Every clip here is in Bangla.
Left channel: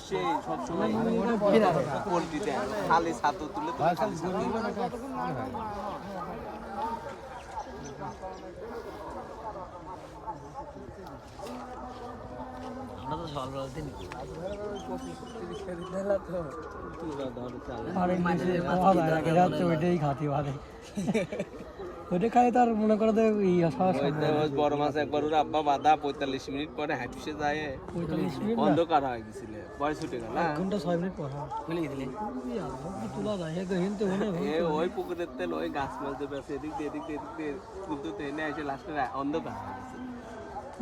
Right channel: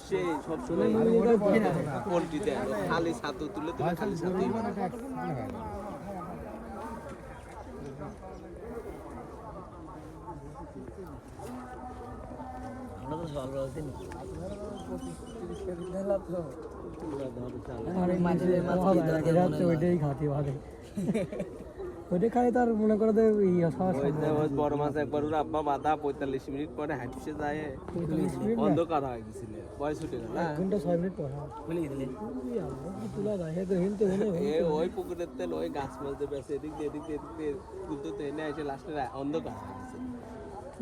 বসে সব সময় পোল্ট্রিতে খালি ছাতু তুলে তুলে খালি ছাতু আমরা তো সকাল বেলা দিন ওইটাই খাতি ভালো ওইটা খাই তার মনে করে তো বড় মাছ একবার ওর আব্বা বাঁধা 45 মিনিট পরে হাঁপিসে যায় অন্ধকার হয়ে গেছিল বয়স উঠে গেল 1 ঘন্টা 6 মিনিট পর খুলে গেলে তোলা যায় হিনতে ওই পুকুরের তেল ওই গাছ মাছ দেবে এদিক দিয়ে তুলতে এনে এসে লাস্টে অন্ধকার হয়ে গেছে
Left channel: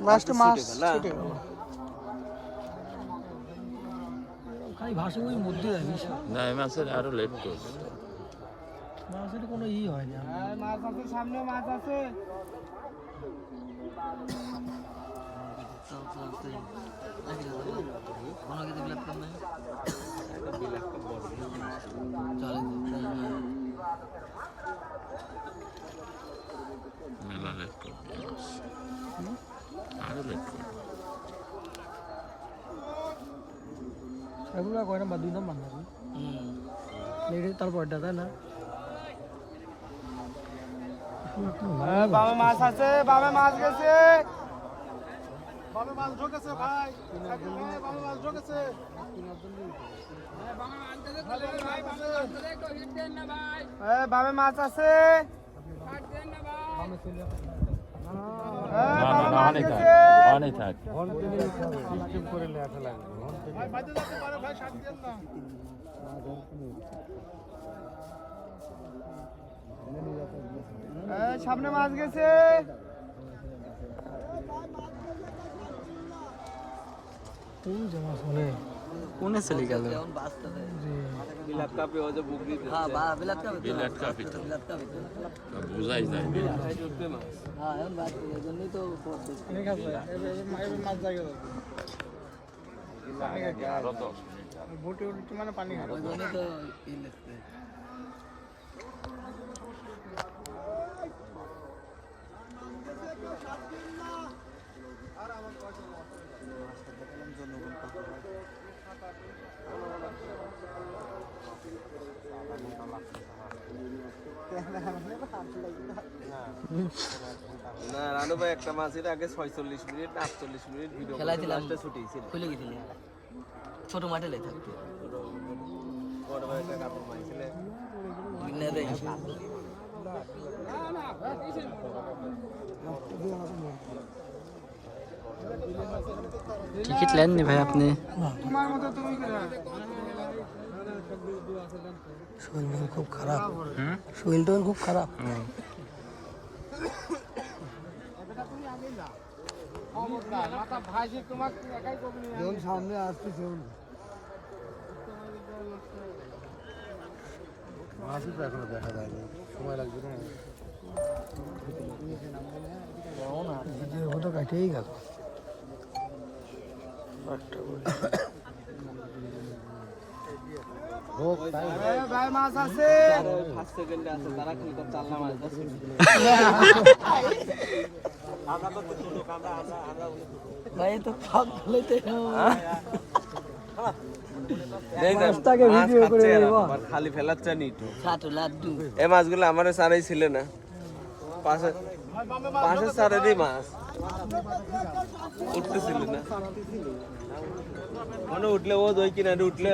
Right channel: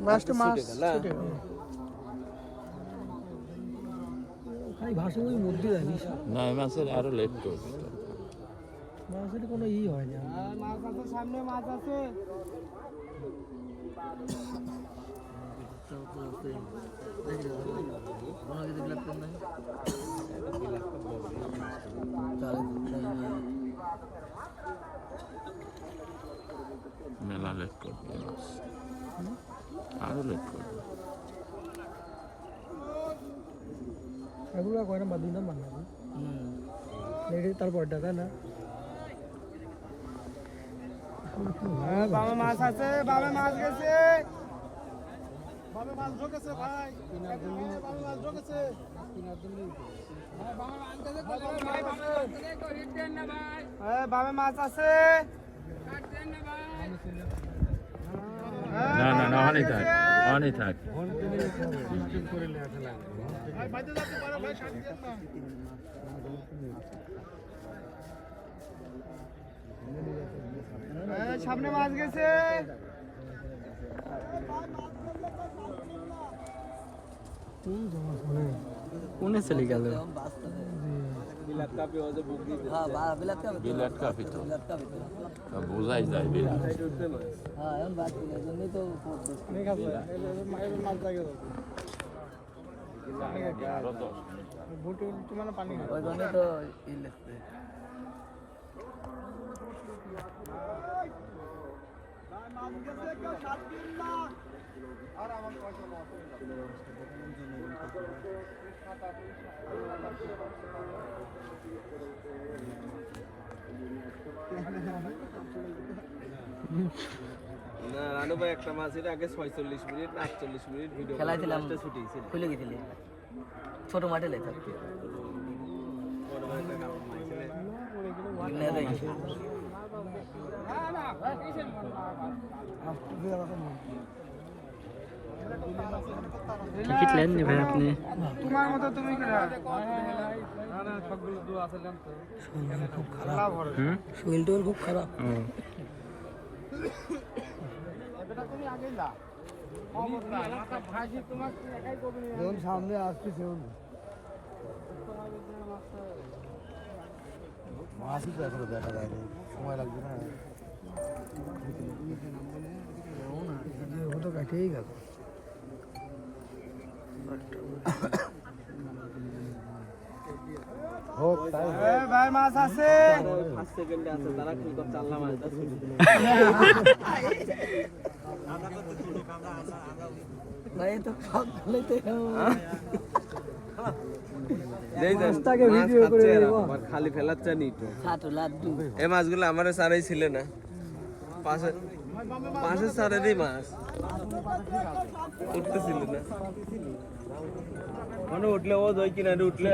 লাস্টে মাছ ছুটে গেল খাই ভাসে ওই মধ্যে না এই মাছের আরো লেট করবে মাছের কোনো হয় না মাছ আছে সামনে মাছ আছে মেলা লেট করবে মাছ আরো লেট করবে এগুলো কয় নাম্বার 2 নাম্বার না তারপর তাই না বাবা মাছ আছে বাবা মাছ গেছে বাবা মাছ ঢোকেছে ভাই বাবা মাছ ঢোকেছে বাবা মাছ আছে অনেক থাক সামনে মাছ গেছে কোনে চলে গেল বিলাত কাপে ওজে বুক দিতে বিলাত কাপি তো বোঝাই যায় হ্যাঁ এখন বাদ দিলে জন্যই তো মানে পানি ওই জন্যই তো ই লাগছে না রানু ভাই একটা মাছের আগে 46 মিনিট 48 মিনিট ভিডিও খেলাইছিলাম ছুটি ছিল খুলে গেছিলি ছোট মাঠে লাই থাকতে বড় ভাই একটা কাপড় মাইছিল নে দেই টিকিট নেননি ভাই আপনি তোমার মতো তুমি শরীর খুব খারাপ শরীরটা খুব খারাপ সামনে আসছি মাছই তো এখনো দেখা যায়নি সময় লাগবে না কাটেই গেল ভাই মাছ আছে 5 সেকেন্ডে আছে তারা কি করতে আল্লাহ মাছ আমরা তো ছোট কাঁদা ভাই তো পাক গলেতে মাছটাকে ভিডিও করে খালি ফেলাচ্ছে নি ছোট লাড্ডু এই মাছগুলো আমারে সারাই ছিল না পাশে সারা দি মাছ উঠতেছিল না মনে উঠলে ও দই কিনারে উঠলে